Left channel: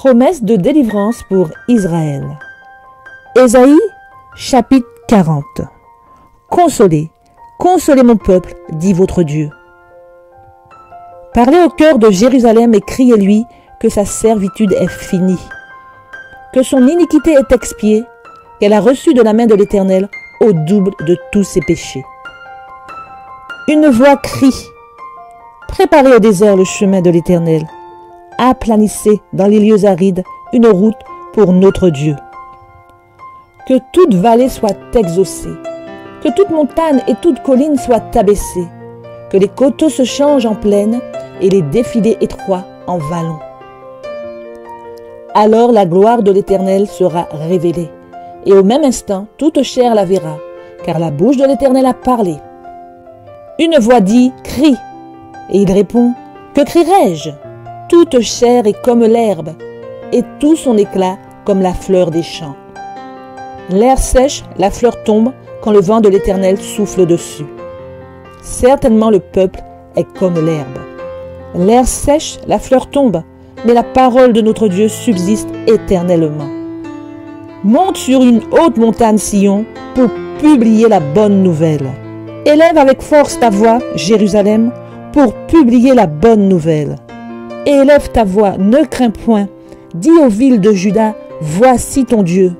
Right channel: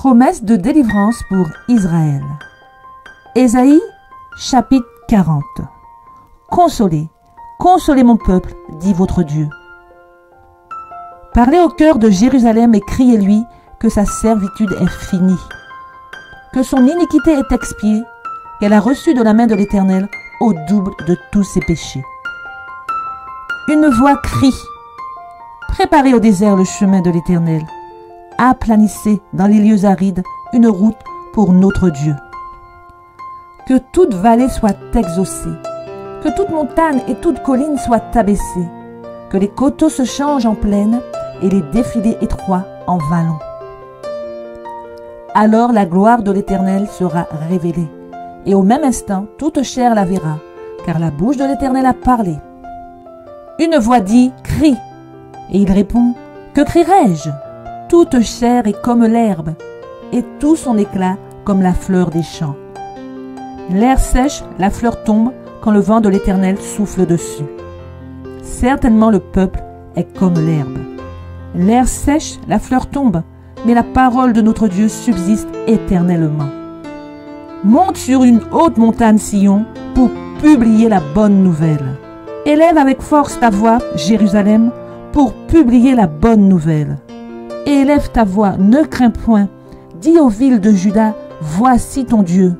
Promesse de délivrance pour Israël. Ésaïe, chapitre 40. Consolez, consolez mon peuple, dit votre Dieu. Parlez au cœur de Jérusalem et criez-lui que sa servitude est finie, que son iniquité est expiée, qu'elle a reçu de la main de l'Éternel au double de tous ses péchés. Une voix crie, préparez au désert le chemin de l'Éternel, aplanissez dans les lieux arides une route pour notre Dieu. Que toute vallée soit exaucée, que toute montagne et toute colline soient abaissées, que les coteaux se changent en plaine et les défilés étroits en vallons. Alors la gloire de l'Éternel sera révélée, et au même instant toute chair la verra, car la bouche de l'Éternel a parlé. Une voix dit « Crie !» et il répond « Que crierai-je » Toute chair est comme l'herbe, et tout son éclat comme la fleur des champs. L'air sèche, la fleur tombe, quand le vent de l'Éternel souffle dessus. Certainement le peuple est comme l'herbe. L'air sèche, la fleur tombe, mais la parole de notre Dieu subsiste éternellement. Monte sur une haute montagne Sion pour publier la bonne nouvelle. Élève avec force ta voix, Jérusalem, pour publier la bonne nouvelle. Élève ta voix, ne crains point. Dis aux villes de Juda, voici ton Dieu.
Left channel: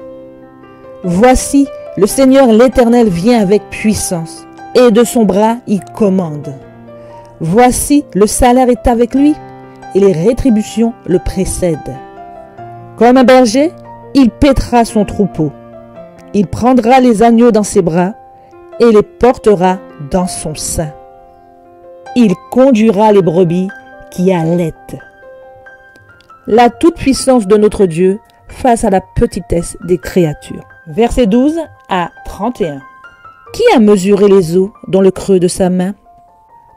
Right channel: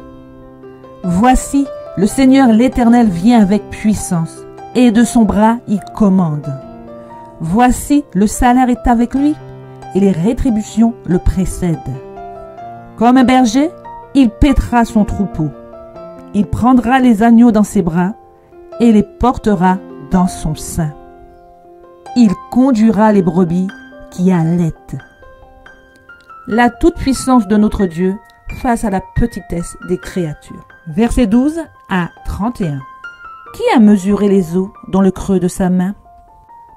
Voici, le Seigneur l'Éternel vient avec puissance, et de son bras il commande. Voici, le salaire est avec lui, et les rétributions le précèdent. Comme un berger, il paîtra son troupeau. Il prendra les agneaux dans ses bras, et les portera dans son sein. Il conduira les brebis qui allaitent. La toute-puissance de notre Dieu face à la petitesse des créatures. Versets 12 à 31. Qui a mesuré les eaux dans le creux de sa main,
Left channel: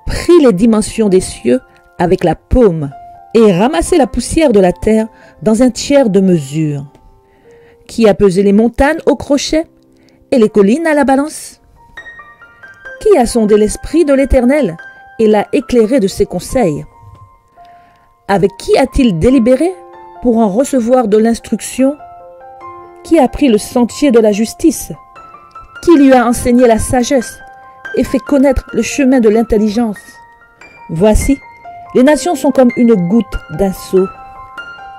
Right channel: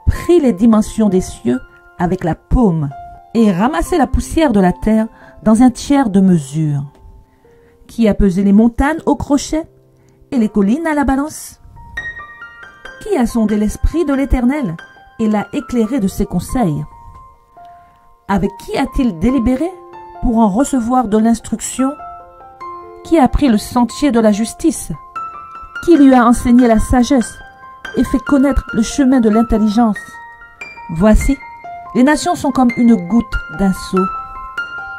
pris les dimensions des cieux avec la paume et ramassé la poussière de la terre dans un tiers de mesure? Qui a pesé les montagnes au crochet et les collines à la balance? Qui a sondé l'esprit de l'Éternel et l'a éclairé de ses conseils? Avec qui a-t-il délibéré pour en recevoir de l'instruction? Qui a pris le sentier de la justice? Qui lui a enseigné la sagesse et fait connaître le chemin de l'intelligence? Voici, les nations sont comme une goutte d'un seau.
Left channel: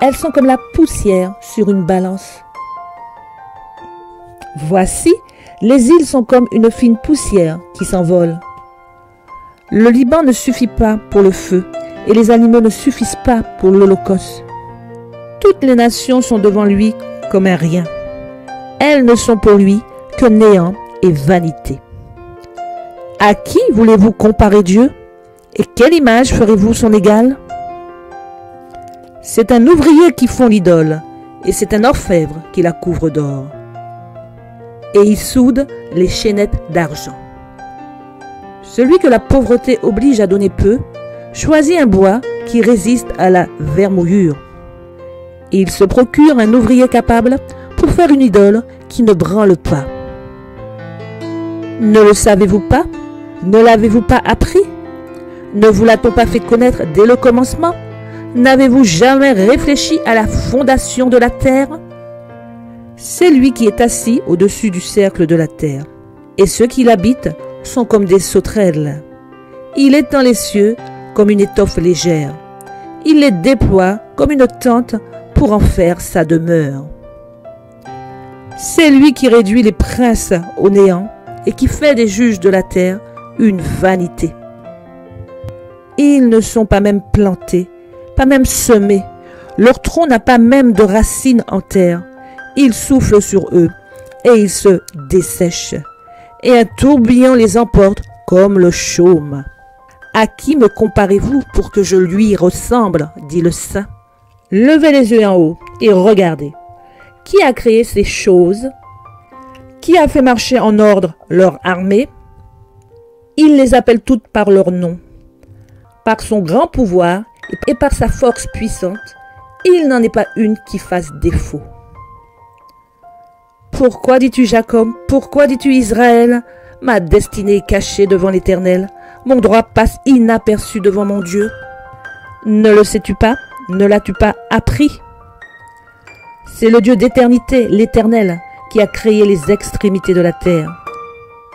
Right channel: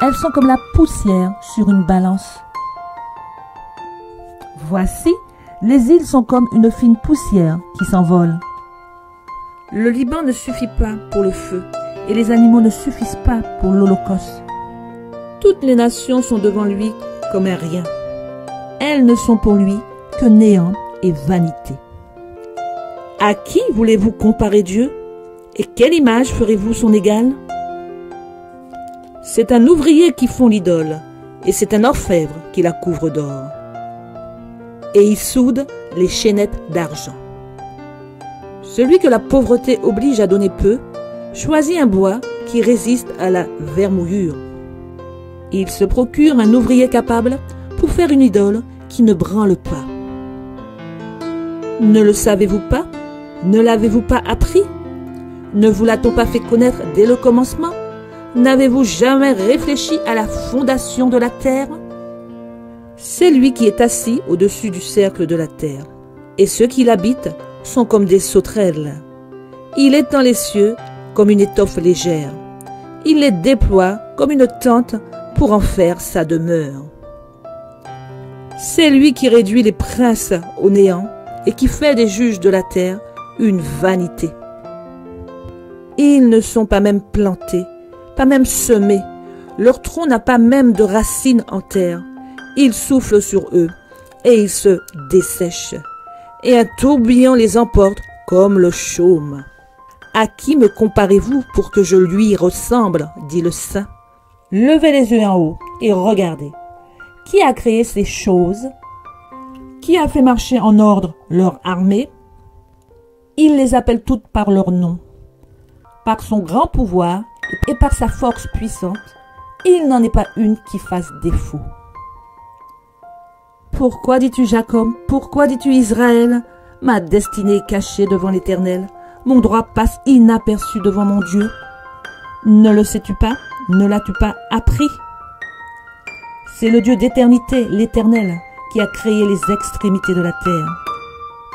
Elles sont comme la poussière sur une balance. Voici, les îles sont comme une fine poussière qui s'envole. Le Liban ne suffit pas pour le feu, et les animaux ne suffisent pas pour l'holocauste. Toutes les nations sont devant lui comme un rien. Elles ne sont pour lui que néant et vanité. À qui voulez-vous comparer Dieu? Et quelle image ferez-vous son égal? C'est un ouvrier qui fond l'idole, et c'est un orfèvre qui la couvre d'or. Et il soude les chaînettes d'argent. Celui que la pauvreté oblige à donner peu, choisit un bois qui résiste à la vermouillure. Il se procure un ouvrier capable pour faire une idole qui ne branle pas. Ne le savez-vous pas? Ne l'avez-vous pas appris? Ne vous l'a-t-on pas fait connaître dès le commencement? N'avez-vous jamais réfléchi à la fondation de la terre? C'est lui qui est assis au-dessus du cercle de la terre, et ceux qui l'habitent sont comme des sauterelles. Il étend les cieux comme une étoffe légère. Il les déploie comme une tente pour en faire sa demeure. C'est lui qui réduit les princes au néant et qui fait des juges de la terre une vanité. Ils ne sont pas même plantés, pas même semés. Leur tronc n'a pas même de racines en terre. Il souffle sur eux et ils se dessèchent. Et un tourbillon les emporte comme le chaume. À qui me comparez-vous pour que je lui ressemble, dit le saint. Levez les yeux en haut et regardez. Qui a créé ces choses? Qui a fait marcher en ordre leur armée? Il les appelle toutes par leur nom. Par son grand pouvoir et par sa force puissante, il n'en est pas une qui fasse défaut. Pourquoi dis-tu Jacob? Pourquoi dis-tu Israël? Ma destinée est cachée devant l'Éternel. Mon droit passe inaperçu devant mon Dieu. Ne le sais-tu pas? Ne l'as-tu pas appris? C'est le Dieu d'éternité, l'Éternel, qui a créé les extrémités de la terre.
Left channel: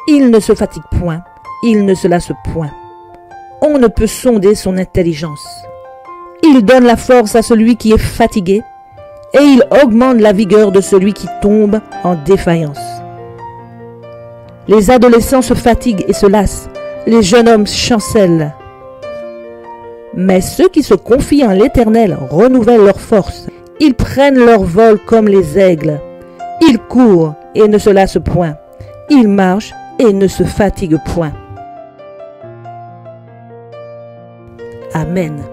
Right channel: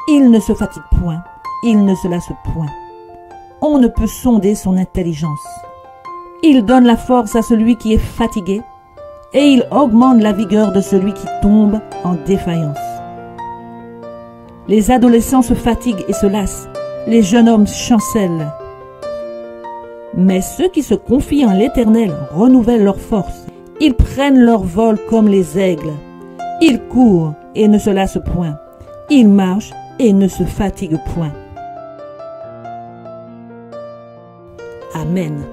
Il ne se fatigue point, il ne se lasse point. On ne peut sonder son intelligence. Il donne la force à celui qui est fatigué et il augmente la vigueur de celui qui tombe en défaillance. Les adolescents se fatiguent et se lassent, les jeunes hommes chancellent. Mais ceux qui se confient en l'Éternel renouvellent leur force. Ils prennent leur vol comme les aigles. Ils courent et ne se lassent point. Ils marchent et ne se fatiguent point. Amen.